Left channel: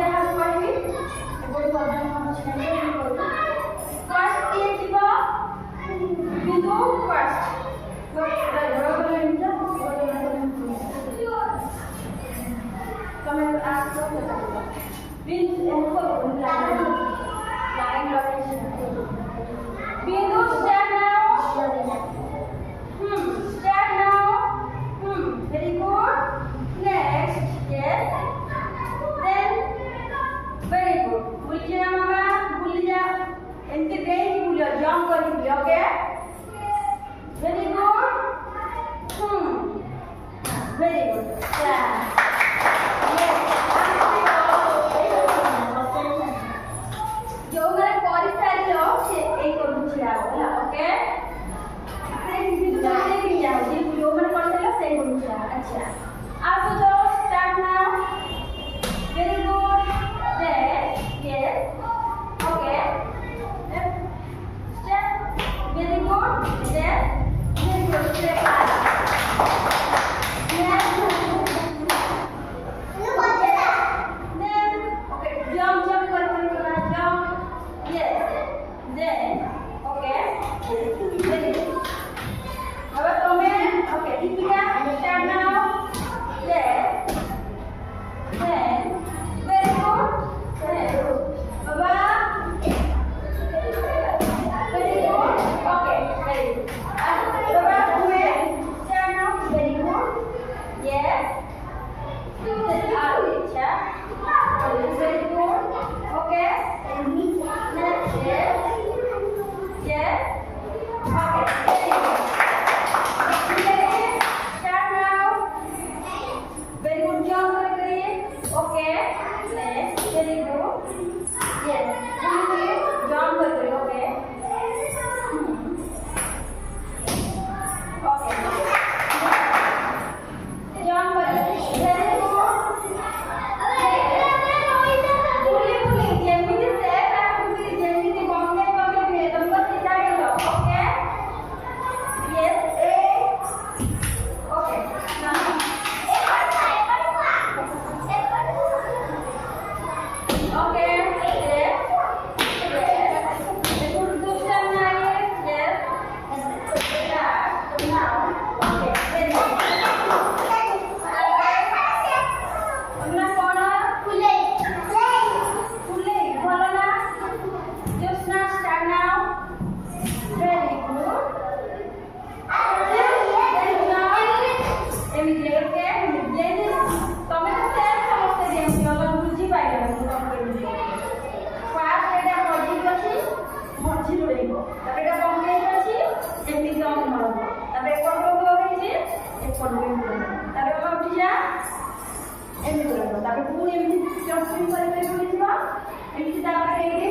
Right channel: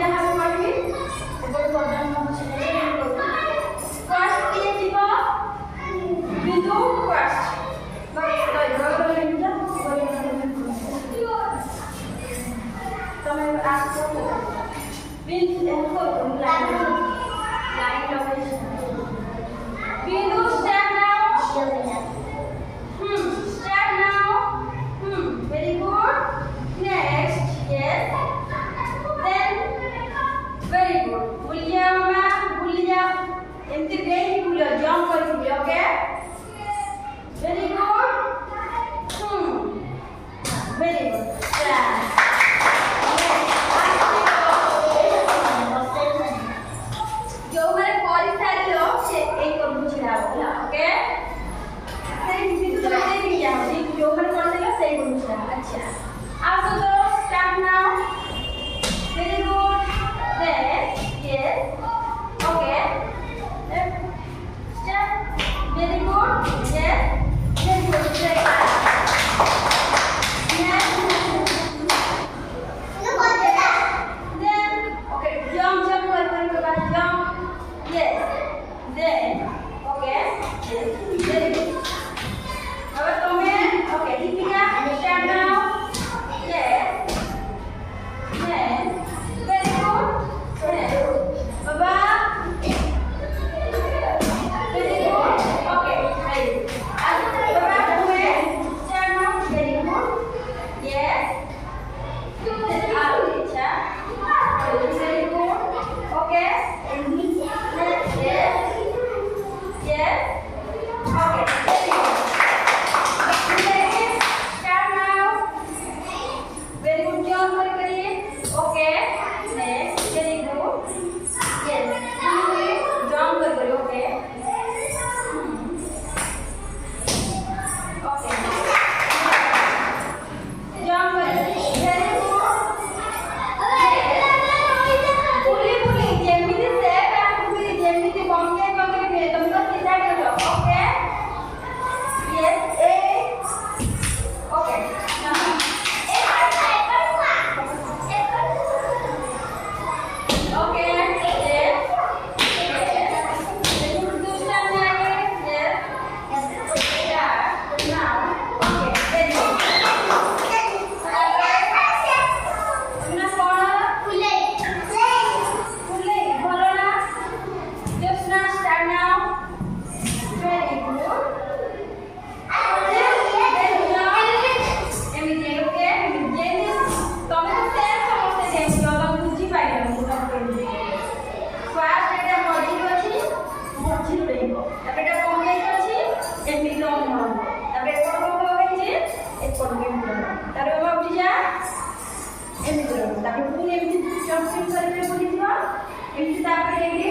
ଯାହା କହିବି ଏବେ ପ୍ରଧାନ ଅଛି ଫାର୍ଷ୍ଟ କିଏ ଯିବ ବିନ୍ଦୁ ଫାର୍ଷ୍ଟ ତମେ ଆସ ବିନ୍ଦୁ ଲାଇନ୍ बिंदु start now start now very good next yes then very good भूल जाओ मामा भूल जाओ एमती ब्रेन भूल जाओ जंप कर भूल जाओ okay very good very good start जो मैंने परीक्षा लियो से एक और बुझिया होला ओके से बिंदु तो दे दिया हो जी जो मैंने परीक्षा लियो से एक बुझिया अच्छा आप तो start now very good yes okay start very good very good एमती पुणी एमती जंपिंग करके बुझी एमती